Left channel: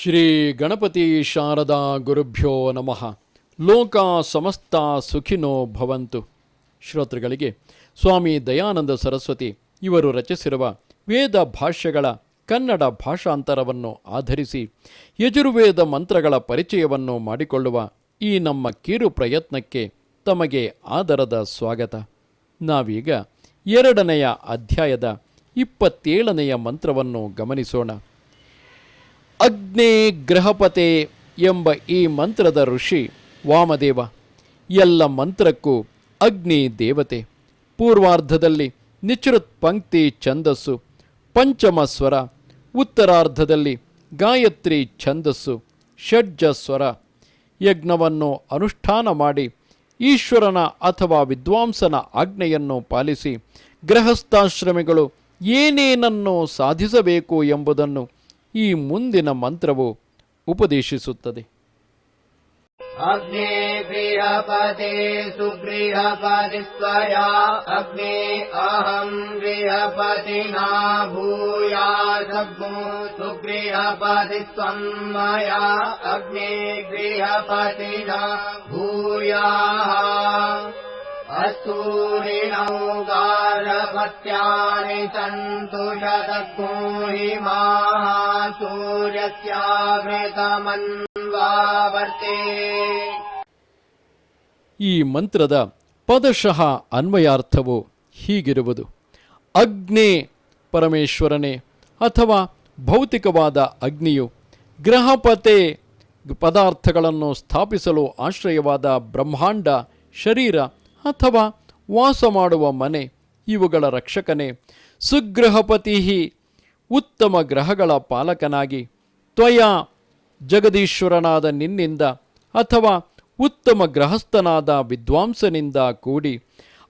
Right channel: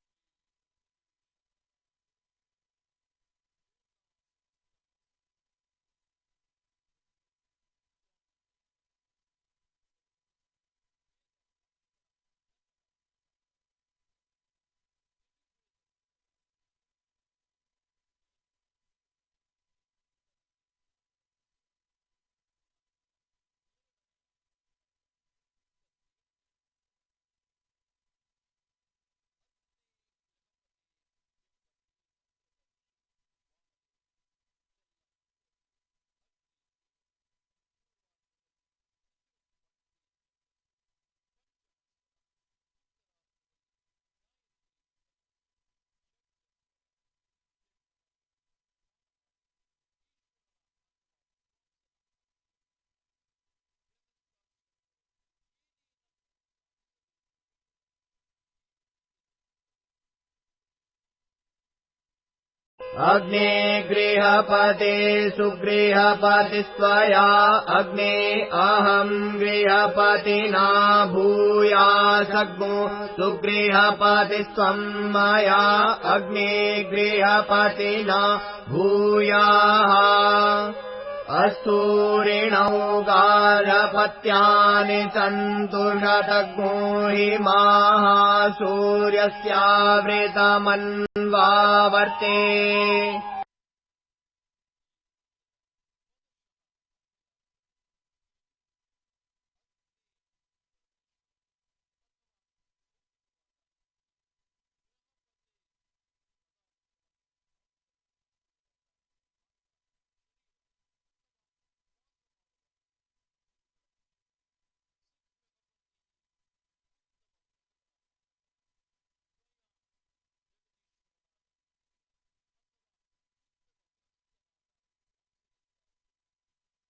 ಶ್ರೀ ಗಣಪತಿ ಶಾರದಾ ಗುರುಭ್ಯೋ ನಮಃ. ಲೋಕ ಸಮಸ್ತ ಸುಖಿನೋ ಭವಂತು. ಶ್ರೋತೃಗಳಿಗೆ ಸ್ವಾಮಿ ದಯಾನಂದ ಸರಸ್ವತಿ ಇವರು ರಚಿಸಿರುವ ವೇದ ಭಾಷ್ಯಗಳ ಕನ್ನಡ ಭಾಷಾಂತರವನ್ನು ಆಧರಿಸಿ ಯಜುರ್ವೇದ ಮಂತ್ರಗಳ ಪರಿಚಯವನ್ನು ಮಾಡಿಕೊಳ್ಳುವ ಈ ನಮ್ಮ ಕಿರು ಪ್ರಯತ್ನಕ್ಕೆ ತಮಗೆ ಆದರದ ಸ್ವಾಗತ. ನಾವೀಗ 2ನೆಯ ಅಧ್ಯಾಯದ 27ನೆಯ ಮಂತ್ರವನ್ನು ಗಮನಿಸೋಣ. ಅಗ್ನೇ ಗ್ರಹಪತೆ ಎಂಬ ಈ ಮಂತ್ರದ ಋಷಿ ವಾಮದೇವ. ಎಲ್ಲ ಮಂತ್ರಕ್ಕೂ ಅಗ್ನಿ ದೇವತೆ. ಪೂರ್ವಾರ್ಧದಲ್ಲಿ ನಿಚೃತ್ ಪಂಕ್ತಿ ಛಂದಸ್ಸು, ಪಂಚಮ ಸ್ವರ. ಉತ್ತರಾರ್ಧದಲ್ಲಿ ಗಾಯತ್ರಿ ಛಂದಸ್ಸು, ಷಡ್ಜ ಸ್ವರ. ಯಜ್ಞವನ್ನು ಅನುಷ್ಠಾನ ಮಾಡಿ ಈಶ್ವರನ ಅಥವಾ ವಿದ್ವಾಂಸನ ಆಜ್ಞೆಯನ್ನು ಪಾಲಿಸಿ ಗೃಹಸ್ಥಾಶ್ರಮಿಗಳು ಏನೇನನ್ನು ಸಾಧಿಸಬೇಕು ಎಂಬುದನ್ನು ಈ ಮುಂದಿನ ಮಂತ್ರವು ಉಪದೇಶಿಸುತ್ತದೆ. ಅಗ್ನೇ ಗೃಹಪತೆ ಸುಗೃಹಪತಿ ಸ್ವಯಾ ಅಗ್ನೇ ಅಹಂ ಗೃಹಪತಿನಾ ಭೂಯಾಸಗ್ಮೋ ಸುಗೃಹಪತಿ ಸ್ವಂ ಮಯಾ ಅಗ್ನೇ ಗೃಹಪತಿನಾ ಭೂಯಾಃ. ಅಸ್ತೂರಿಣೌ ಗಾರ್ಹಪತ್ಯಾನಿ ಸಂತು ಶತಘ್ನೋ ಹಿಮಾಃ ಸೂರ್ಯಸ್ಯಾವೃತಮನ್ವಾವರ್ತೆ. ಈ ಮಂತ್ರದ ಪದಶಃ ಅನ್ವಯಾರ್ಥವು ಹೀಗಿರುವುದು. ಅಗ್ನೇ ಪರಮೇಶ್ವರನೇ ಅಥವಾ ಭೌತಿಕವಾದ ಅಗ್ನಿಯು, ಗ್ರಹಪತೆ ಪದಾರ್ಥಗಳನ್ನು ಸ್ಥಾಪಿಸಲು ಆಶ್ರಯವಾದ ಬ್ರಹ್ಮಾಂಡ, ಶರೀರ ಅಥವಾ ವಾಸ ಮಾಡುವ ಮನೆ ಇವುಗಳ ರಕ್ಷಕನೇ. ಸುಗ್ರಹಪತಿ ಉತ್ತಮ ಗ್ರಹಗಳ ಪಾಲಕನಾಗಿ, ತ್ವಯ ಜಗದೀಶ್ವರನಾದ ನಿನ್ನಿಂದ ಅಥವಾ ಉತ್ತಮ ಗೃಹಸ್ಥನಾದ ವಿದ್ವಾಂಸನಿಂದ ಕೂಡಿ,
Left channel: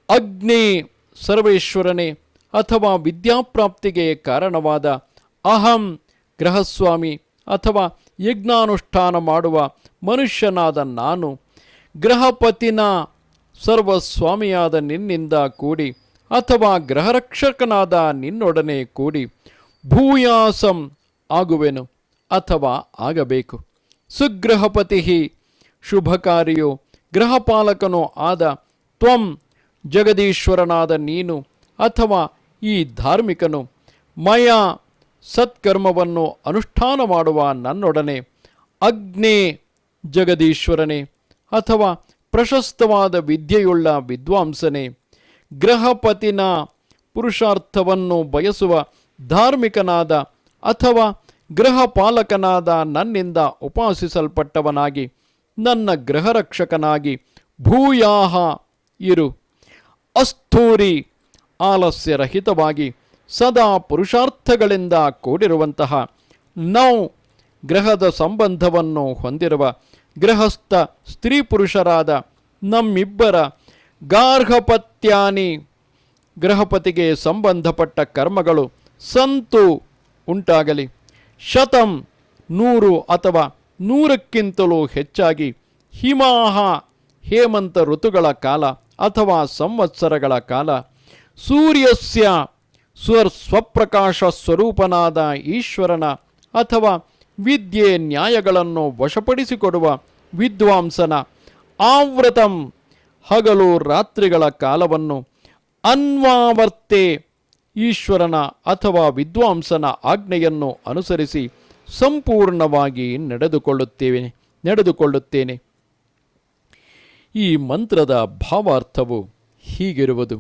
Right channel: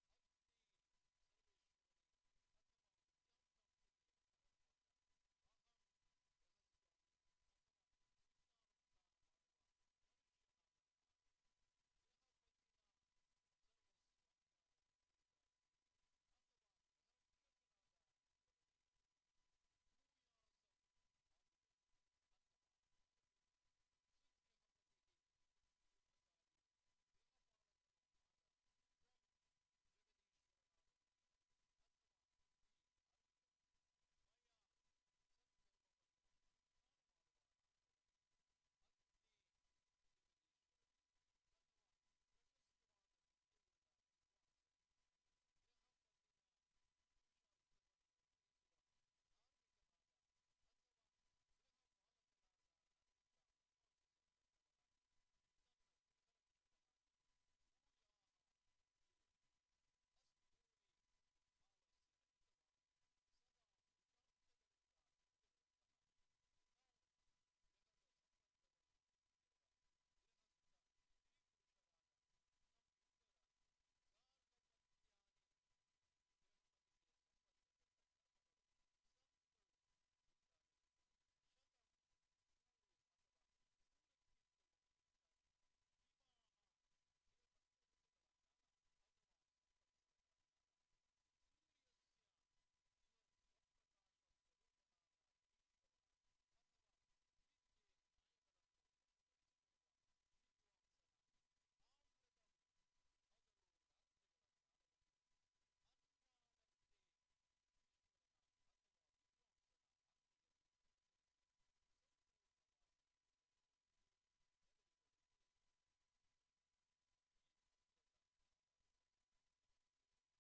ಅಗ್ನೇ ಸರ್ವೇಶ್ವರನೇ ಅಥವಾ ವಿದ್ಯಾಪ್ರಾಪ್ತಿಗೆ ಕಾರಣವಾದ, ಅಹಂ ಗೃಹಸ್ವಾಮಿ ಅಥವಾ ಯಜ್ಞಾನುಷ್ಠಾನ ಮಾಡುವ ಮನುಷ್ಯನಾದ ನಾನು, ಗೃಹಪತಿನ ಸರ್ವಸ್ವಾಮಿಯಾದ ನಿನ್ನಿಂದ ಕೂಡಿ ಅಥವಾ ಗೃಹರಕ್ಷಕನಾದ ನಿನ್ನೊಡನೆ ಕೂಡಿ ಭೂಯಾಸಂ ಆಗುವೆನು ಅಥವಾ ಆಗಬೇಕು. ಸುಗ್ರಹಪತಿ ಶುಭಕಾರಿಯೋ ಗೃಹಪಾಲಕನೋ ಆದ ತ್ವಂ ಜಗದೀಶ್ವರನಾದ ನೀನು ಅಥವಾ ಈ ಧಾರ್ಮಿಕನು, ಮಯ ಸತ್ಕರ್ಮವನ್ನು ಅನುಷ್ಠಾನ ಮಾಡುವ ನನ್ನೊಡನೆ, ಅಗ್ನೇ ಜಗದೀಶ್ವರನೇ ಅಥವಾ ಪ್ರಶಸ್ತವಾದ ವಿದ್ಯೆಯುಳ್ಳ ವಿದ್ವಾಂಸನೇ, ಗೃಹಪತಿನ ಪುರುಷಾರ್ಥವನ್ನು ಬಯಸುವ ಧಾರ್ಮಿಕನಾದ ಅಥವಾ ಗೃಹಪಾಲಕನಾದ ನನ್ನಿಂದ ಉಪಾಸಿಸಲ್ಪಟ್ಟವನಾಗಿ ನನ್ನ ಗೃಹರಕ್ಷಕನಾಗಿ ಭೂಯಾಹ ಇರು. ಅಸ್ಥೂರಿ ಆಲಸ್ಯರಹಿತವಾಗಿ ಸದಾ ಪುರುಷಾರ್ಥಗಳಿಂದ ಕೂಡಿರುವಂತಹ, ನೌ ಗ್ರಹದ ಸಂಬಂಧವನ್ನು ಹೊಂದಿರುವ ಗೃಹಸ್ಥ ಸ್ತ್ರೀ ಪುರುಷರಾದ ನಮ್ಮಿಬ್ಬರ ಗಾರ್ಹಪತ್ಯಾನಿ ಗೃಹಪತಿಗೆ ಸಂಬಂಧಪಟ್ಟ ಕರ್ಮಗಳು ಸಂತು ಉಂಟಾಗಲಿ. ಶತಂ 100 ಅಥವಾ 100ಕ್ಕಿಂತಲೂ ಹೆಚ್ಚಾಗಿ, ಹಿಮಾಹ ಹೇಮಂತ ಋತುಗಳ ಕಾಲ ಅಥವಾ ಸಂವತ್ಸರಗಳ ಕಾಲ, ಸೂರ್ಯಸ್ಯ ಸ್ವಪ್ರಕಾಶ ಸ್ವರೂಪನಾದ ಈಶ್ವರನ ಅಥವಾ ವಿದ್ಯೆ ನ್ಯಾಯಗಳನ್ನು ವಶಪಡಿಸಿಕೊಡುವ ವಿದ್ವಾಂಸನ, ಆವೃತಂ ಹಗಲು ರಾತ್ರಿಗಳ ಕಾಲವನ್ನು, ಅನ್ವಾವರ್ತೆ ಈಶ್ವರನ ಅಥವಾ ವಿದ್ವಾಂಸನ ಆಜ್ಞೆಯನ್ನು ಅನುಸರಿಸಿ ಸಂಪೂರ್ಣವಾಗಿ ನಡೆದುಕೊಳ್ಳುತ್ತೇನೆ. ಈ ಮಂತ್ರದ ಭಾವಾರ್ಥವು ಹೀಗಿರುವುದು.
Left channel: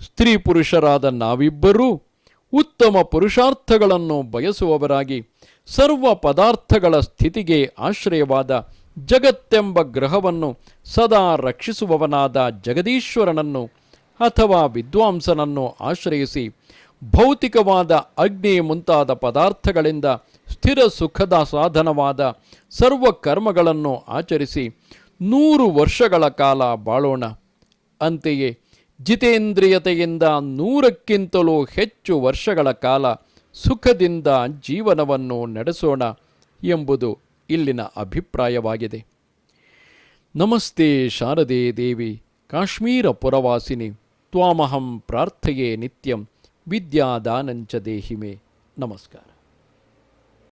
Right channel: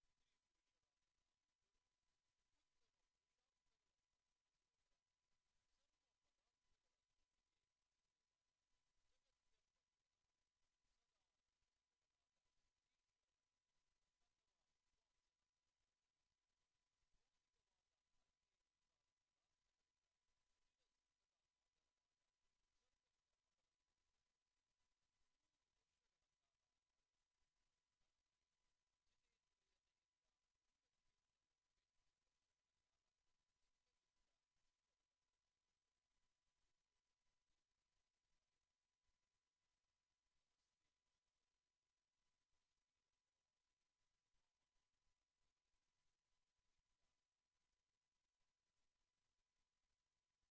ಸ್ತ್ರೀ ಪುರುಷರಾದ ನಾವಿಬ್ಬರೂ ಉತ್ತಮ ಪುರುಷಾರ್ಥಗಳನ್ನು ಬಯಸುವವರಾಗಿ ಸರ್ವ ಪದಾರ್ಥಗಳ ಸ್ಥಿತಿಗೆ ಆಶ್ರಯವಾದ ಜಗತ್ತೆಂಬ ಗ್ರಹವನ್ನು ಸದಾ ರಕ್ಷಿಸುವವನಾದ ಜಗದೀಶ್ವರನನ್ನು ಅಥವಾ ವಿದ್ವಾಂಸನನ್ನು ಆಶ್ರಯಿಸಿ ಭೌತಿಕವಾದ ಅಗ್ನಿ ಮುಂತಾದ ಪದಾರ್ಥಗಳಿಂದ ಸ್ಥಿರ ಸುಖದ ಸಾಧನವಾದ ಸರ್ವ ಕರ್ಮಗಳನ್ನು ಆಚರಿಸಿ 100 ವರ್ಷಗಳ ಕಾಲ ಬಾಳೋಣ. ಅಂತೆಯೇ ಜಿತೇಂದ್ರಿಯತೆಯಿಂದ 100ಕ್ಕಿಂತಲೂ ಹೆಚ್ಚು ವರ್ಷಗಳ ಕಾಲ ಸುಖದಿಂದ ಜೀವನವನ್ನು ನಡೆಸೋಣ ಎಂಬುದು ಇಲ್ಲಿನ ಅಭಿಪ್ರಾಯವಾಗಿದೆ. ನಮಸ್ತೆ ಶಾರದೆ ದೇವಿ ಕಾಶ್ಮೀರ ಪುರವಾಸಿನಿ ತ್ವಾಮಹಂ ಪ್ರಾರ್ಥಯೇ ನಿತ್ಯಂ ವಿದ್ಯಾದಾನಂಚ ದೇಹಿಮೆ. ನಮಸ್ಕಾರ.